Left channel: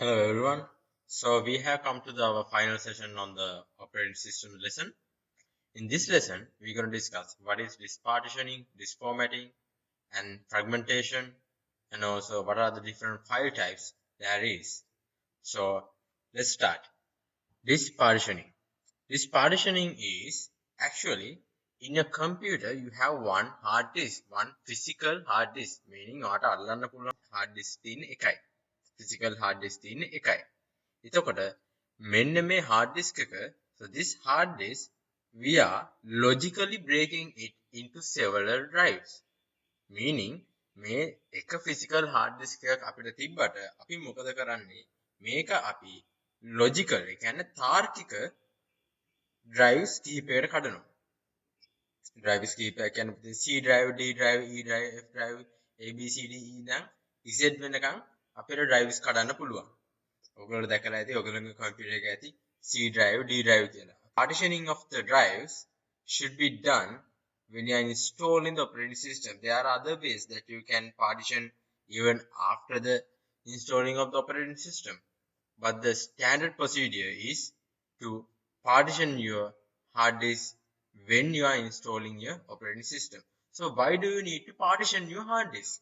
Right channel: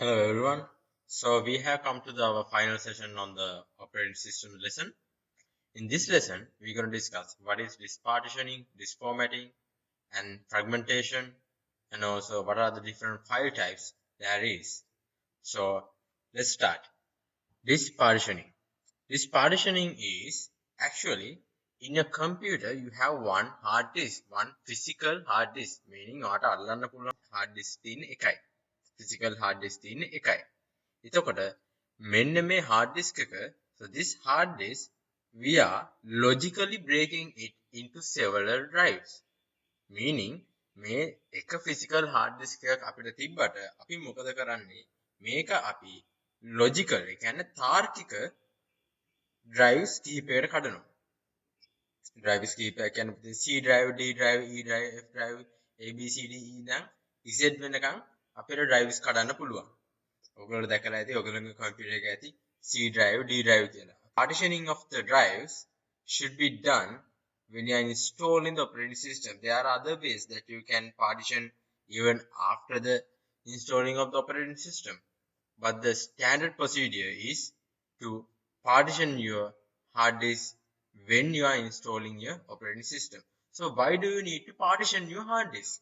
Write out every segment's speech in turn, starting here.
Hello everyone. So we have come to our final session on the operating system lesson. In this lesson, we're going to discuss what is disk partitioning, disk formatting, and fragmentation, and also what are the different file types there is. So let's start. Disk partitioning. Disk partitioning is actually in a computer you have one hard disk, one physical hard disk, meaning ඔයාට අල්ලන්න පුළුවන් hard disk තියෙන එකයි. Physical hard disk තියෙන එකයි. එතකොට මෙන්න මේ hard disk එක, so this hard disk we are logically breaking it into several drives, meaning මේ එක physical hard disk එකක් අපිට තිබ්බට අපි මොකද කරන්නේ මේක අපි logical ඒ කියන්නේ තාර්කික drives කිහිපයකට කඩනවා. drives කිහිපයක් කියන්නේ C drive, D drive, E drive, F drive, A B C D E නම් Z වෙනකන් අපිට drives කඩන්න පුළුවන්. ඔයගොල්ලෝ දැකලා ඇති ඔයගොල්ලෝගේ කම්පියුටර් එකේ ඇති C drive, D drive කියලා. Partitioning of the drives should be done when you are installing the operating system. There are other ways that you can partition even after the installing of the operating system. But the standard procedure is to partition your hard disk when you are installing your operating system. So why do you need to partition your hard disk?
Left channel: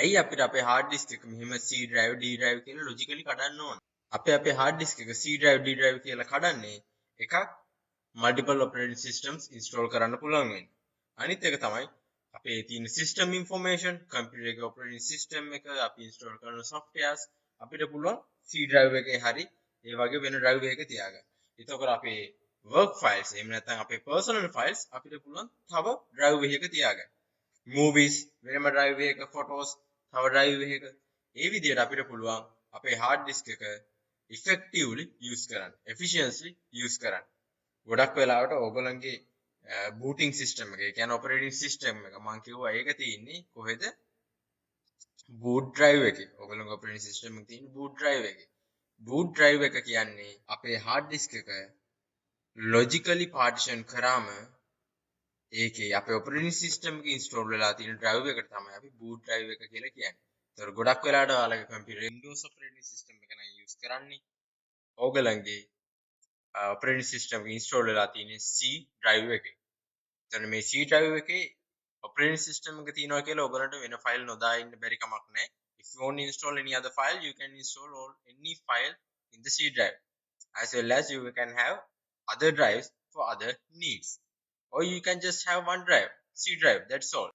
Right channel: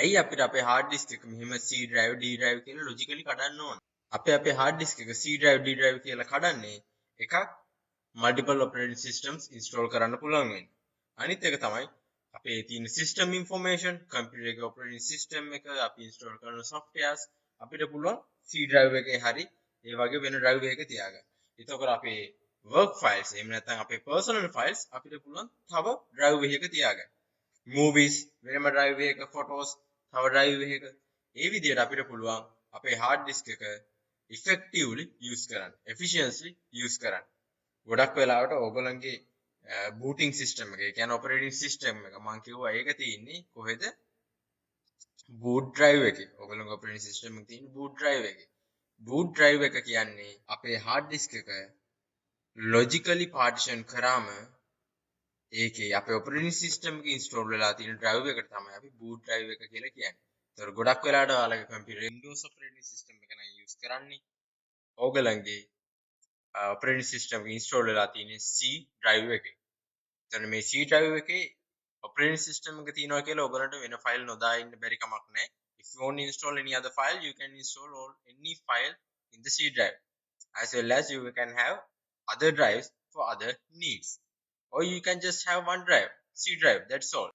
ඇයි අපිට අපේ hard disk එක මෙහෙම C drive D drive කියලා logically කඩන්න ඕන? අපේ hard disk එක C drive D drive කියලා කඩන්නේ එකක් multiple operating systems install කරන්න පුළුවන් වෙන්නේ. අනිත් එක තමයි අපේ තියෙන system information, computer එකේ operating system එක අපි install කරන softwares අපිට පුළුවන් C drive එකේ හරි ඒ වගේ වෙන drive එකක තියාගන්න. එතකොට අපේ work files එහෙම නැත්නම් අපේ personal files අපිට පුළුවන් තව drive එකක තියාගන්න. movies වෙනම drive එකක, photos තව drive එකක. ඒ විදිහට අපිට පුළුවන් අපේ hard disk එක effectively use කරන්න, efficiently use කරන්න. ගොඩක් වෙලාවට ඕගොල්ලන්ගේ booting system එක, ඒ කියන්නේ operating system එක මම කිව්වා ඒක තියෙන්නේ කොහෙද? boot drive එකේ. ඕගොල්ලන්ගේ operating system එක තියෙන්නේ boot drive එකේ. boot drive එක කියන්නේ අපේ hard disk එක logically partition කරාම ඒකේ අපේ operating system එකේ install වෙලා තියෙන drive එකට තමයි අපි boot drive එක කියලා කියන්නේ. ඒතර ගොඩක් වෙලාවට ඔයාලගේ computer Windows operating system එක නම් use කරන්නේ. ඕගොල්ලන්ගේ operating system එක install වෙලා තියෙන C drive එකේ. එතන මේ C drive එකේ operating system එක තියෙනවා කියලා ඔයගලන්ට වෙන file නොදා ඉන්න බැරි කමක් නැහැ. If you want to install any other file, you can install any file in the C drive. As well as you can have other drives for other needs. Or you can just have one drive, C drive, that's all.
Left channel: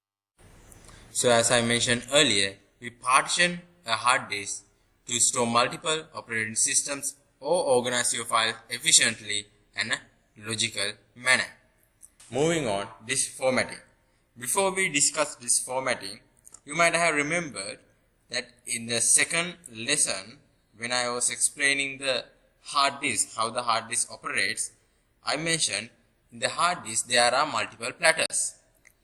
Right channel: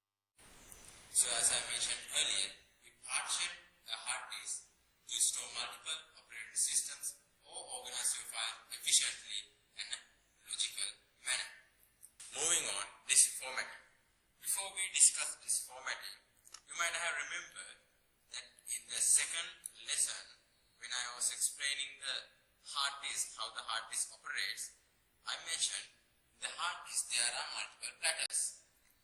So as I mentioned earlier, we partition a hard disk to store multiple operating systems or organize your files efficiently in a logical manner. Moving on, disk formatting. Before we discuss disk formatting, you might have remembered that in the second lesson, when I was explaining the hard disk, how the hard disk operates, I mentioned in the hard disk there are multiple platters.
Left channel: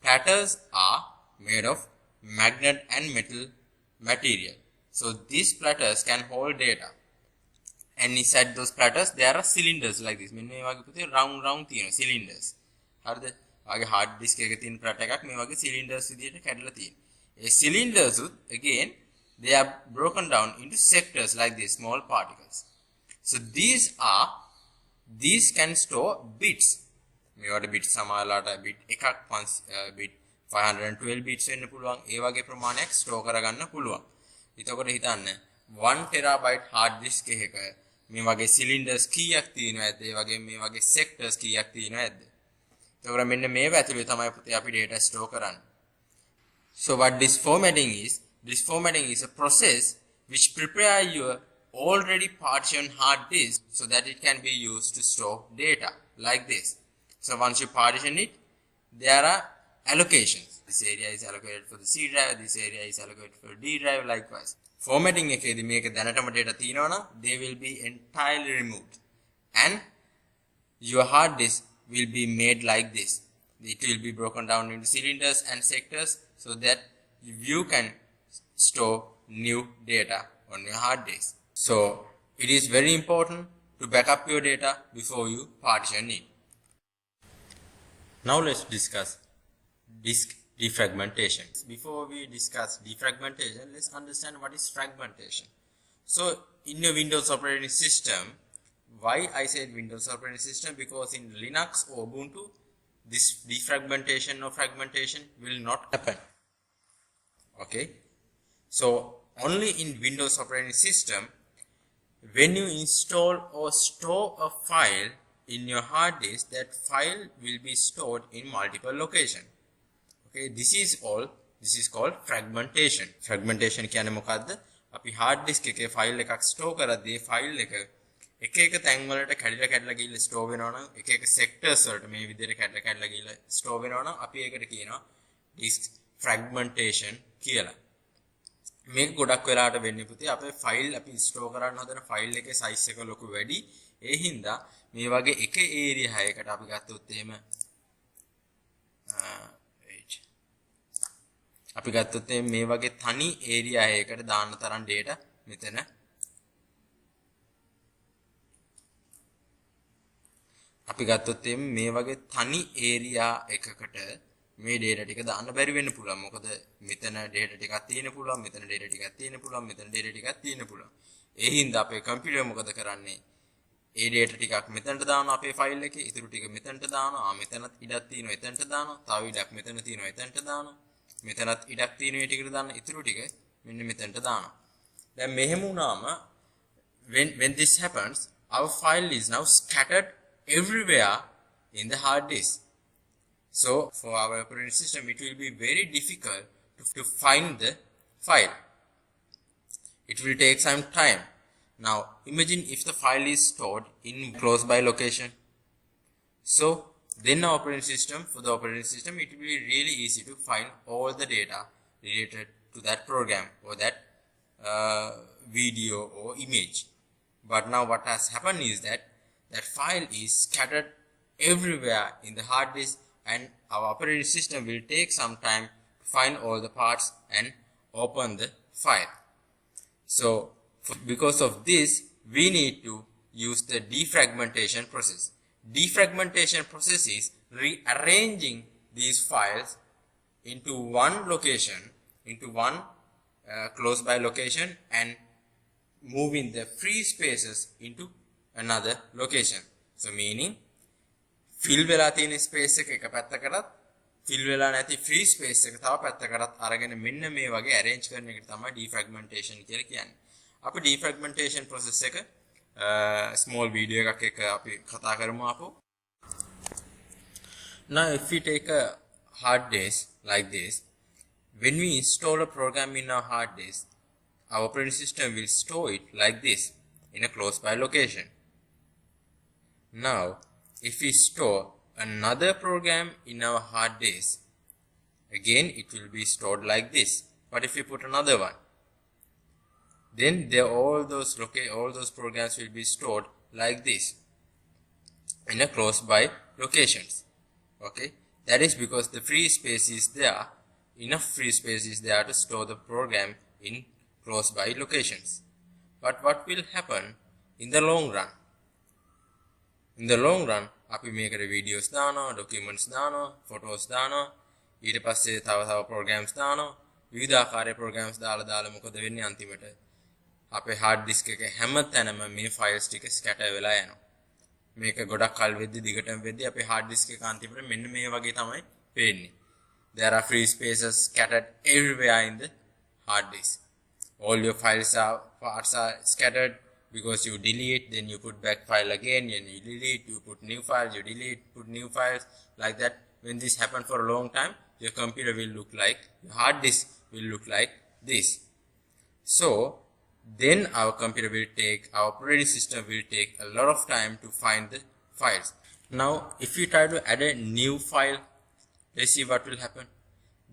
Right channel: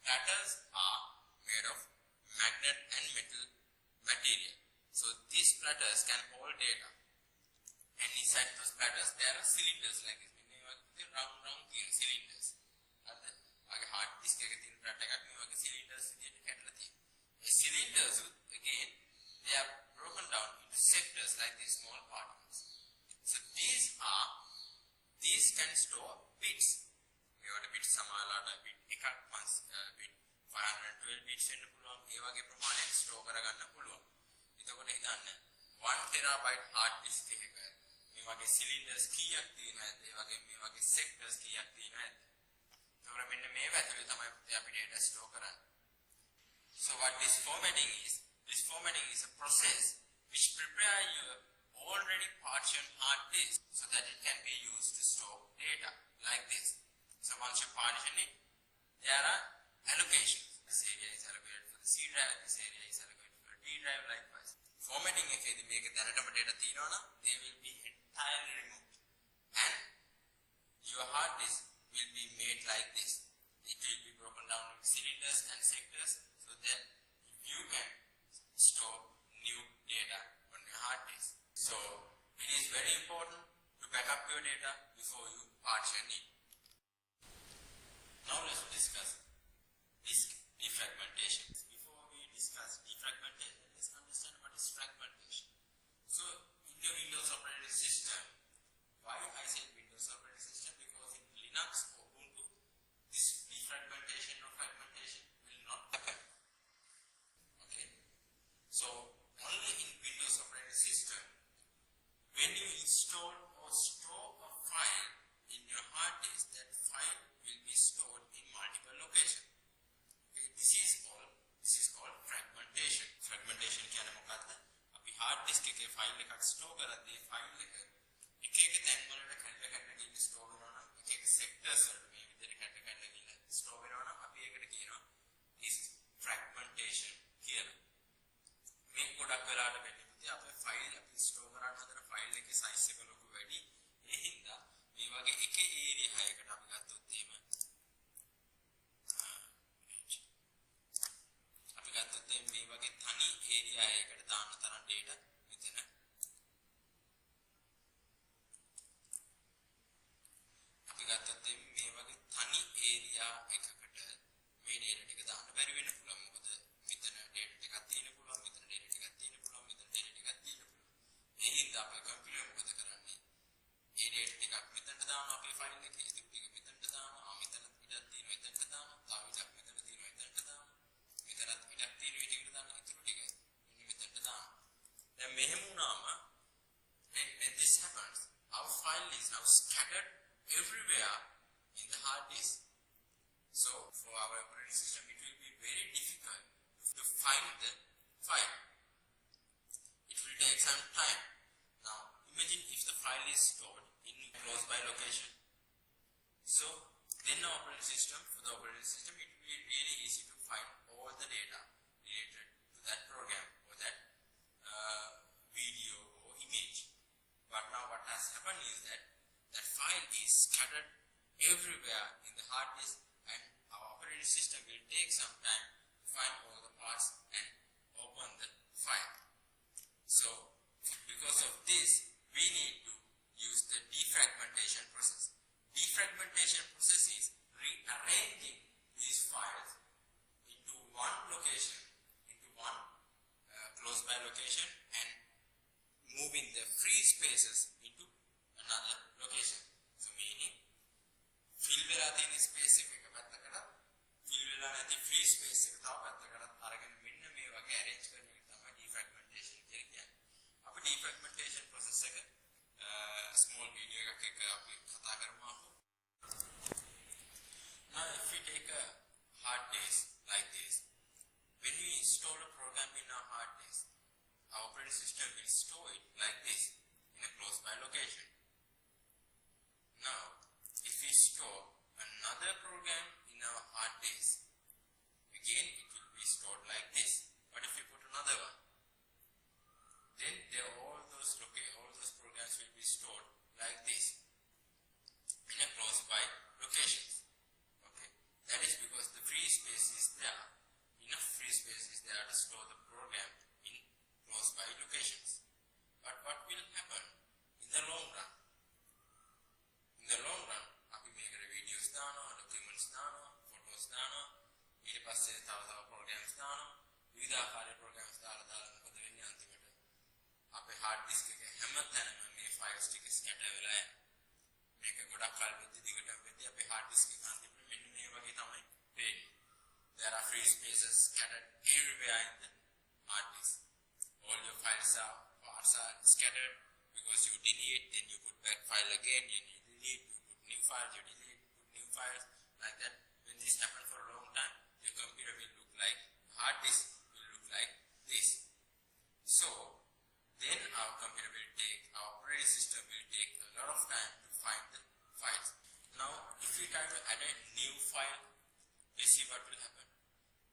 Platters are made of magnet and metal material. So these platters can hold data. And inside those platters there are cylinders like this. මෙන්න මේ වගේ පුතේ round තියෙන cylinders. හරිද? වගේ hard disk එකක තියෙන platter එකක් මේ වගේ cylinders විදියට කැඩලා තියෙනවා. ඒ cylinders again they are broken down into sectors like these small particles. So these can store bits. මේවට bit සමානලාට bit එකක් bit 512 bits වෙන්න පුළුවන්. ඒ වගේ ප්‍රමාණයක් store කරගන්න පුළුවන්. එතකොට හිතන්න 1 terabyte hard disk එකක මේ වගේ cylinders කීයක් තියෙනවද? ඒ වගේ මේ වගේ sectors කීයක් තියෙනවද? එතකොට මෙන්න මේව ඇතුලේ තමයි පුතේ අපි data store කරන්නේ. So what disk formatting is? Disk formatting is a process which prepare your already partitioned hard disk so that it can be used to store data like this. So once you partition it, there are allocations. This area is allocated for the C drive, this area is allocated for D drive, likewise. Formatting එකේදී මේක දැනටම data තියෙනවා නම් they will be entirely removed and your hard disk will be made like this. It will be broken down into cylinders and sectors so that you can store new data on your hard disk. So it is very important to back up your data before you partition it. Now let's discuss disk defragmentation. Before we discuss defragmentation, let's understand what is fragmentation. So in your Windows operating system, why I said Windows operating system, because in Linux or Ubuntu this defragmentation or fragmentation will not happen. Okay, so only in Windows operating system, when you install or store a file in your hard disk, that file will be stored in multiple locations. Okay, this is called fragmentation. Fragmentation කියන්නේ මොකද්ද? අපි hard disk එකේ file එකක් store කරද්දී file එක එක තැන් වලට කැඩලා ගිහිල්ලා store වෙනවා නම්, එක sectors වලට මේ විදිහට කැඩලා ගිහිල්ලා store වෙනවා නම් අපි ඒකට කියනවා disk fragmentation කියලා. මේක ගොඩක් වෙලාවට වෙන්නේ පුතේ අපේ ෆයිල් අපි ස්ටෝර් කරන්න හදන ෆයිල් එකේ සයිස් එක ලොකු වැඩි. ඒ හින්දා මේ වගේ එක ඒරියා එකකට අපි ගත්තොත් එහෙම මේ වගේ තනි ඒරියා එකකට දාන්න තරම් data මෙතන අපි ගත්තොත් මේ වගේ තනි ඒරියා එකකට මේ data ටික දාන්න බැරි වෙන්න පුළුවන්. මොකද මෙතන data ටිකක් තියෙන පුළුවන්, මෙතන data ටිකක් තියෙන පුළුවන්, මෙතන data ටිකක් තියෙන පුළුවන්. ඒ හින්දා අපේ කම්පියුටර් මොකද කරන්නේ? ඒ data ටිකක් මෙතනට දානවා අපේ ෆයිල් එකේ, ඉතුරු ටික මෙතනට දානවා. මෙතනත් ඉඩක් තියෙනවා එතනට දානවා. තව ඉඩක් මෙතන තියෙනවා එතනට දානවා. මෙතනත් ඉඩක් තියෙනවා ඒ ටිකට දාන්න. ඉතුරු ටික මෙන්න මෙතනට දානවා. දැන් මෙහෙම වුණාම when this happens, our file is now scattered everywhere in the hard disk. So for our operating system, it will be very difficult to find the file. It will take some time. Now imagine if the file is stored in close by location. So then our operating system, for the operating system, it will be really easy to find all the data related to that program or that video or image. But now what has happened is that that file is scattered everywhere in the hard disk, and our operating system will take some time to find all the parts and open the file. So because of this, we need to use the defragmentation process. Defragmentation process is rearranging these files into one location, into one close by location, and moving the free spaces into another location. So meaning fill වෙලා තියෙන space එක පැත්තකටත්, fill වෙලා නැති free space එක තව පැත්තකටත් අරගෙන මෙන්න මේ වගේ arrange කරන එකට තමයි defragmentation කියලා කියන්නේ. අපි defragmentation process එක small video එකක් එක්ක අපි කතා කරමු ආපහු. Now if we take a hard disk like this, when we install a program in our hard disk, our operating system will store it like this in a close by location. Now if we store another program in our hard disk, again it will be stored like this. But if we put another one, then all those programs will be stored like this in a close by locations. Okay, that is because the free space is there, enough free space is there to store the program in close by locations. But what will happen in the long run? In the long run, අපි මේකට videos දානවා, documents දානවා, photos දානවා, ඊට පස්සේ තව programs දානවා, විවිධ ආකාරයේ programs දාලා මොකද වෙන්නේ අන්තිමට? අපේ hard disk එක හැම තැනම මේ files ටික scatter වෙලා යනවා. මේක ගොඩක් කල් වෙද්දි දිගටම වෙද්දි අපේ hard disk එක අන්තිමට මෙන්න මේ වගේ තමයි පේන්නේ. There are free spaces scattered everywhere in the hard disk. All your parts are scattered because you delete, then you put back file again, and you delete, you put new files, you delete, put new files, like that. When this happens for a long time, your computer will look like, your hard disk will look like this. So then our computer will take, our operating system will take a lot of time to find the files. Now if we try to add a new file, let's see what will happen.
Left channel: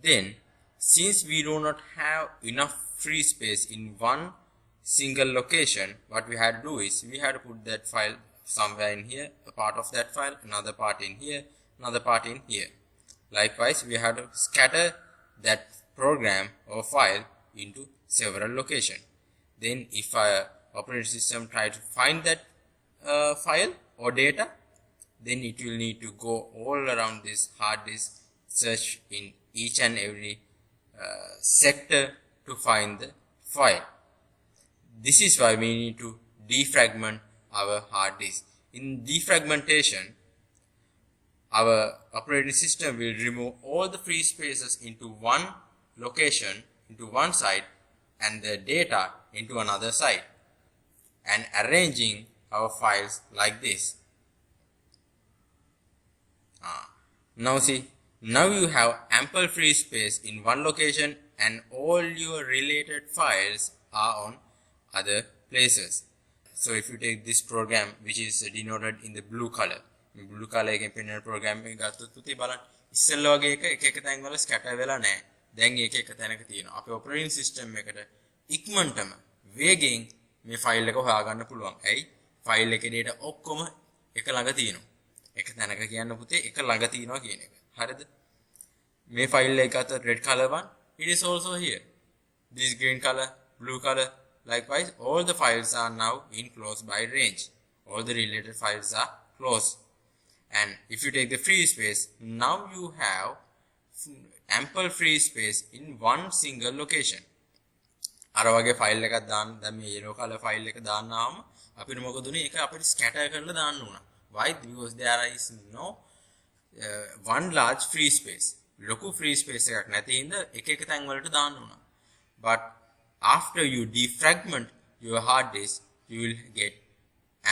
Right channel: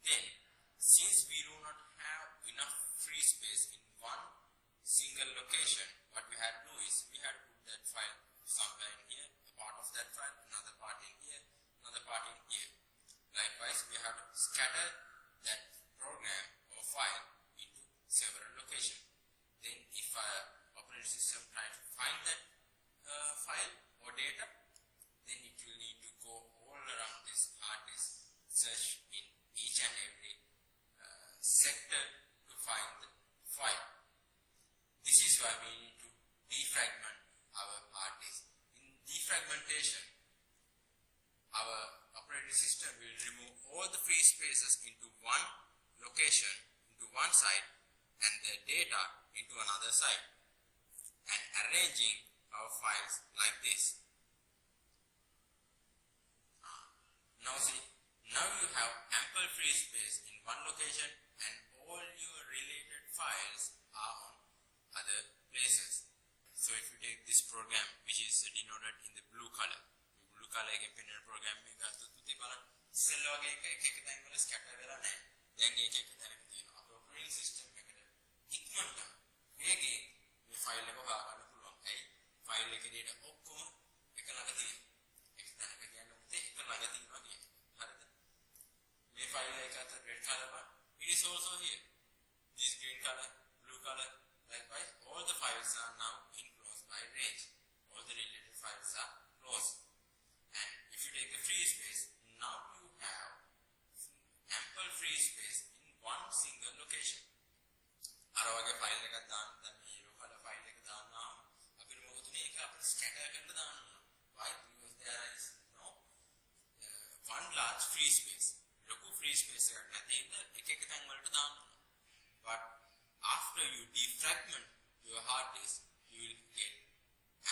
Then since we do not have enough free space in one single location, what we had to do is we had to put that file somewhere in here, a part of that file, another part in here, another part in here. Likewise, we had to scatter that program or file into several locations. Then if our operating system try to find that file or data, then it will need to go all around this hard disk, search in each and every sector to find the file. this is why we need to defragment our hard disk. In defragmentation, our operating system will remove all the free spaces into one location, into one side, and the data into another side, and arranging our files like this. Now see, now you have ample free space in one location and all your related files are on other places. So if you take this program which is denoted in the blue color එකෙන් පෙන්වන program එක ගත්තොත් පුතේ බලන්න ඉස්සෙල්ලා වගේ එක එක තැන් වල scatter වෙලා නැහැ. දැන් ඒක එක තැනක තියෙනවා. අපේ operating system එකට ඉක්මනටම වේගෙන් මේ ෆයිල් එක හොයාගන්න පුළුවන්. ඇයි? ෆයිල් එකේ data ඔක්කොම එක ළඟ තියෙනවා. එක තැනක කියන්න පුතේ එක ළඟ තියෙනවා කියන එක. හරිද? මේ ෆයිල් එක අත red color one, it is also here. This green color, blue color. Likewise, all the files are now in close by range. All the related files are close. And if you take the free space, now you have ample free space in one single location. අර වගේ file එකක් දාන්න දැන් මේ yellow color file එක දාන්නාම අපිට මොකද උනේ ඒක අපිට scatter කරලා දාන්න උනා. Why? Because there is no one large free space. ලොකු free space එකක් නැති හින්දා එක එක තැන් වලට දාන්න උනා. But after you defragment your hard disk, you will get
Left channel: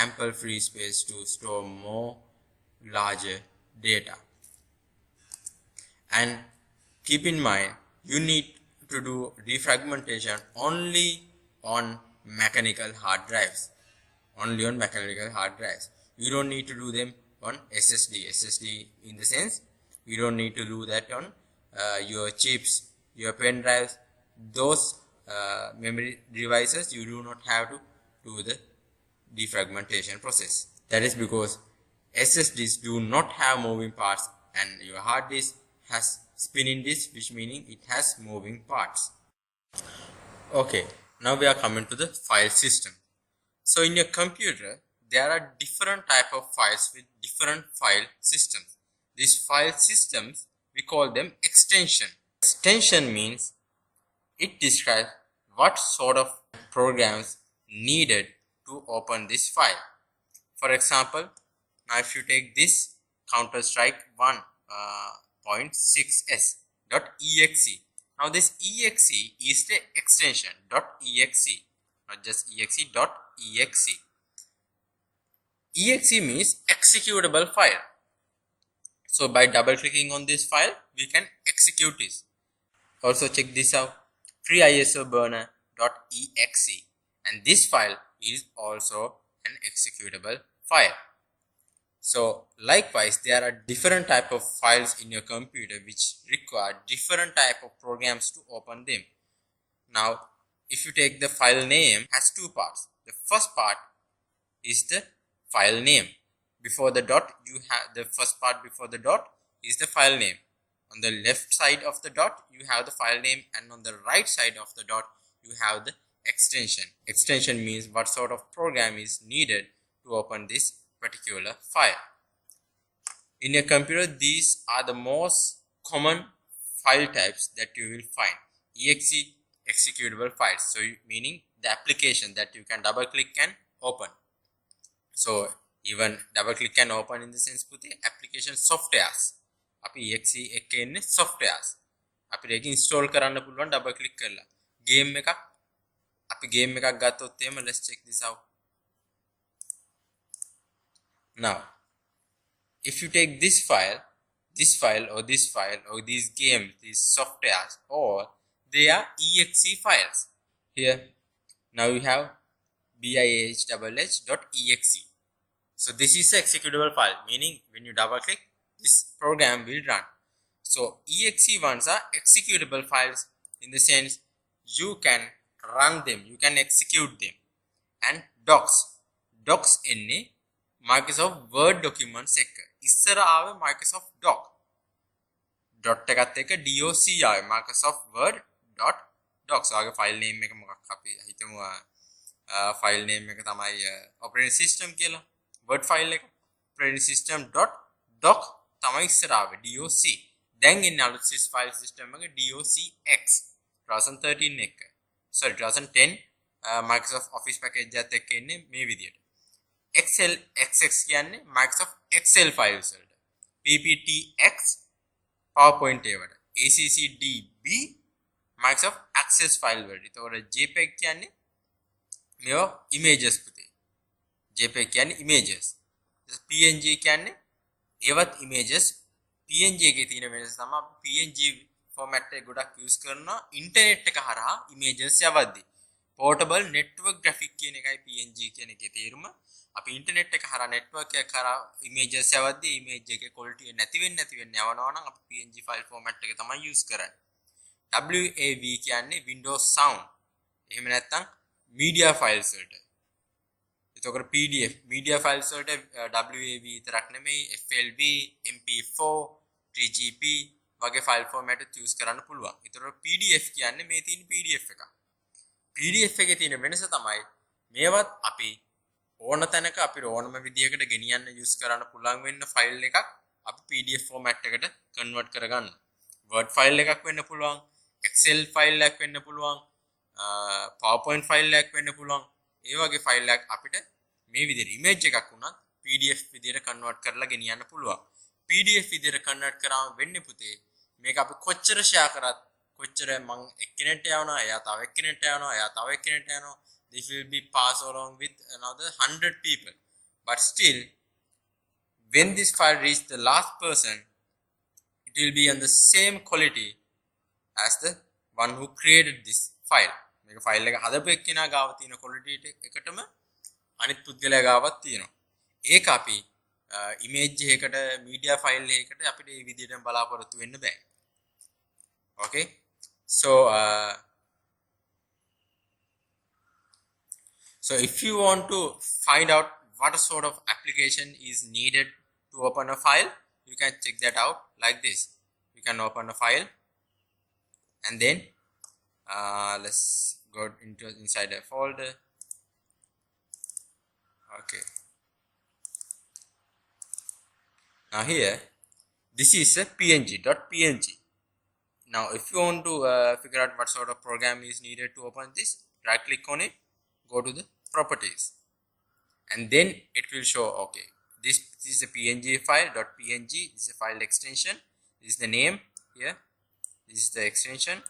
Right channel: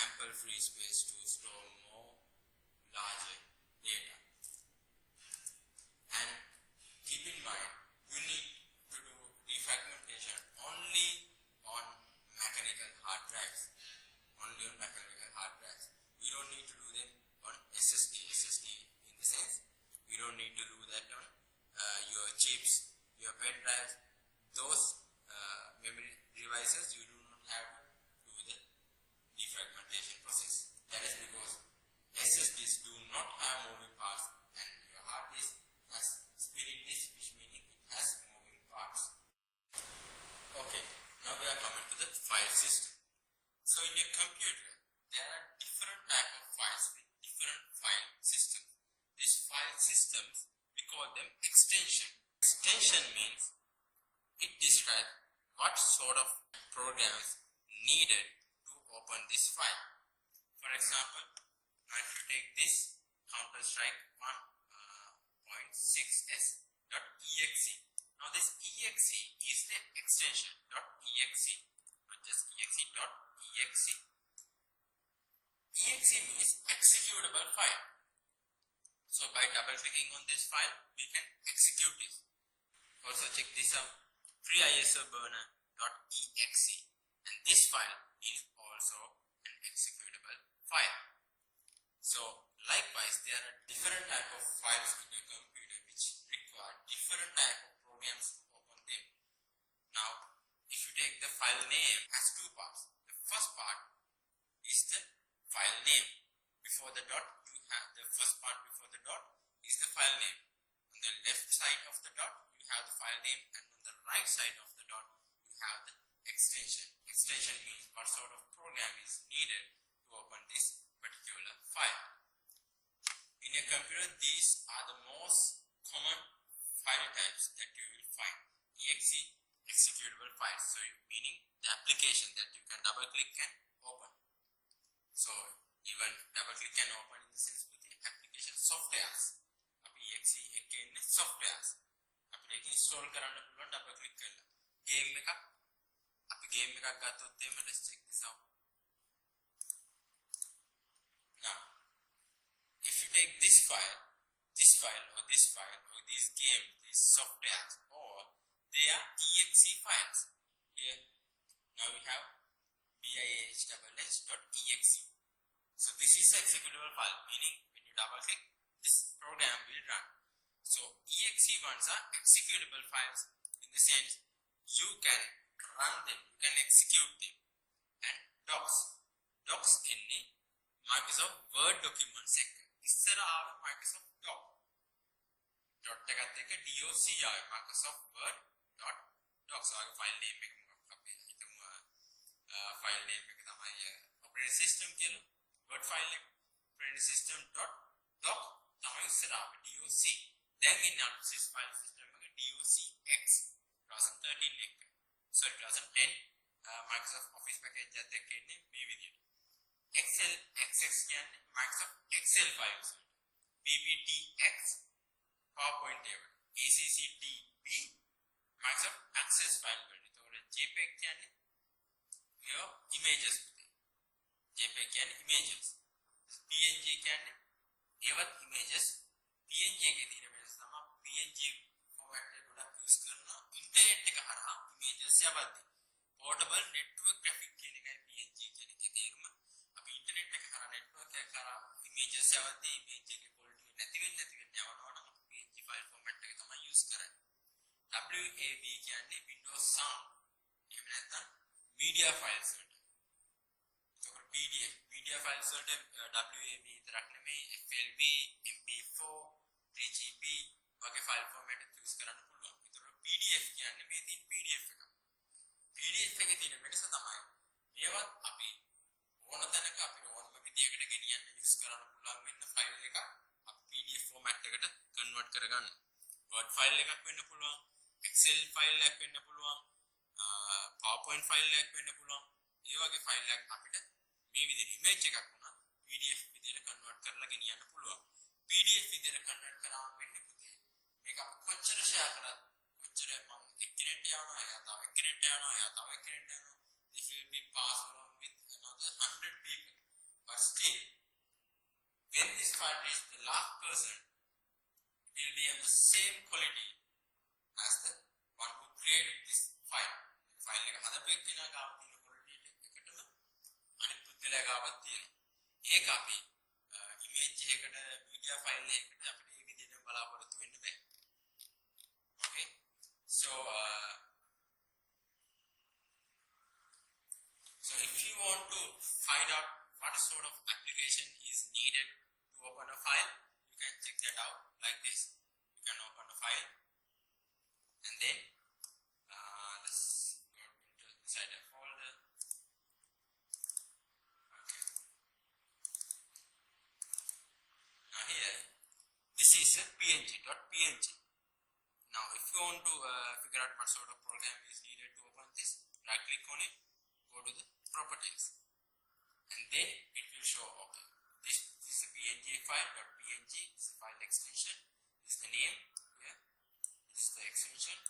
ample free space to store more larger data. And keep in mind, you need to do defragmentation only on mechanical hard drives. Only on mechanical hard drives. You don't need to do them on SSD. SSD in the sense, you don't need to do that on your chips, your pen drives. Those memory devices, you do not have to do the defragmentation process. That is because SSDs do not have moving parts and your hard disk has spinning disk, which meaning it has moving parts. Okay, now we are coming to the file system. So in your computer, there are different type of files with different file systems. These file systems, we call them extension. Extension means it describes what sort of programs needed to open this file. For example, now if you take this Counter-Strike 1.6s.exe. Now this exe is the extension .exe, not just exe.exe. Exe means executable file. So by double clicking on this file, we can execute this. Also check this out, FreeISOBurner.exe, and this file is also an executable file. So likewise, there are different type of files in your computer which require different type of programs to open them. Now, if you take the file name, has two parts. The first part is the file name. Before the dot, you have the first part before the dot is the file name. On the left side of the dot, you have the file name, and on the right side of the dot, you have the extension. Extension means what sort of program is needed to open this particular file. In your computer, these are the most common file types that you will find. Exe, executable files. So meaning the application that you can double click and open. So even double click and open in the sense පුතේ application softwares. අපි exe එකේ ඉන්නේ softwares. අපිට ඒක install කරන්න පුළුවන් double click කරලා. Game එකක් අපි game එකක් ගත්තොත් එහෙම let's check this out. Now, if you take this file or this file or these games, these softwares, or they are exe files. Here, now you have bihh.exe. So this is an executable file, meaning when you double click, this program will run. So exe ones are executable files in the sense you can run them, you can execute them. And docs එන්නේ Microsoft Word documents එක. ඉස්සර ආවේ Microsoft Doc. dot එකත් එක්ක doc ආවේ Microsoft Word .docs. ආගේ file name එක මොකක් අපි හිතමු file name එක තමයි operating system කියලා. Word file එක operating system .doc තමයි ඉස්සර ආවේ doc. දැන් ඉන්නේ අලුත් file system එක docx 2013 එක. Sorry 2010 Microsoft Office package එකත් එක්ක එන්නේ මේ විදියට. Excel XX කියන්නේ Microsoft Excel files වලට. PPTX PowerPoint ඒවට. ACCDB Microsoft Access file වලට. ඒතකොට JPEG කියන්නේ මේවා images පුතේ. JPEG කියන්නේ images. PNG කියන්නේ ඒවත් images. PNG එකේ තියෙන වෙනස තමයි PNG format එක ගොඩක් use කරනවා internet එක හරහා images යවද්දී. Portable network graphic කියන එකයි PNG කියන එකේ තේරුම. අපි internet එක හරහා network එක හරහා images යවද්දී image එකේ quality නැති වෙන්න යවනවා නම් අපි PNG file format එක තමයි use කරන්නේ. WAV කියන්නේ Windows Sound. එහෙම නැත්නම් media files වලට. එතකොට PDF media files වලට WAV විතරක් නෙමෙයි FLV, MP4, 3GP වගේ file format එක use කරන්න පුළුවන්. එතකොට PDF කියන්නේ මේ තියෙන PDF එක. PDF එකේ තියෙන වෙනස තමයි මේවත් අපි ඕන තැනක අපිට ඕනම විදියකට ගෙනියන්න use කරන්න පුළුවන් වෙන්න ෆයිල් එකක් අපි PDF format එකට convert කරගන්න. Word file එකක් වෙන්න පුළුවන්, Excel file එකක් වෙන්න පුළුවන්, PowerPoint file එකක් වෙන්න පුළුවන්. ඒ වගේ ෆයිල් එකක් අපිට මේ විදිහට image එකක් වුණත් PDF විදිහට convert කරලා ගෙනියන්න පුළුවන්. PDF විදිහට convert කරාම වෙන්නේ පුතේ මේක අපි කොච්චර share කරත් කොච්චර මං එක්කෙනෙක්ට යවනවා එයා තව එක්කෙනෙක්ට යවනවා එයා තව එක්කෙනෙක්ට යනවා this will be passed along with another 100 people, but still when this file reach the last person it will be on the same quality as the one who created this file. මේක file එක හදපු එක්කෙනා ගාව තියෙන quality එකටම අනිත් පුද්ගලයා ගාවත් තියෙනවා. ඒක අපි image එකකට media file එකකට අපිට මේ විදිහටම බලාපොරොත්තු වෙන්න බෑ. Okay, so if you want to find out what sort of application is needed to open a file, you can check that out like this. You can open a file and then let's go inside a folder. Okay, now here this is a png.png. Now if you want to figure out what sort of program is needed to open this, right click on it, go to the properties, and then it will show okay this is a png file .png. This is a file extension, this is the name here, this is the extension,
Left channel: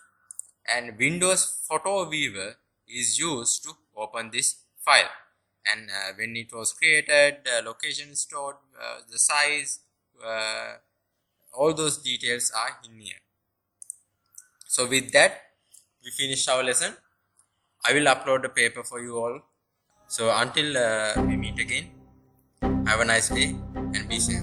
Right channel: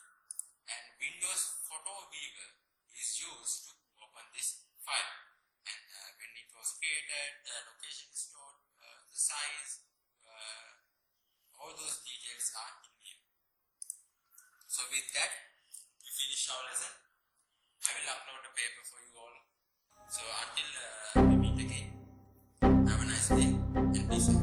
and Windows Photo Viewer is used to open this file, and when it was created, the location stored, the size, all those details are in here. So with that we finish our lesson. I will upload the paper for you all. So until we meet again, have a nice day and be safe.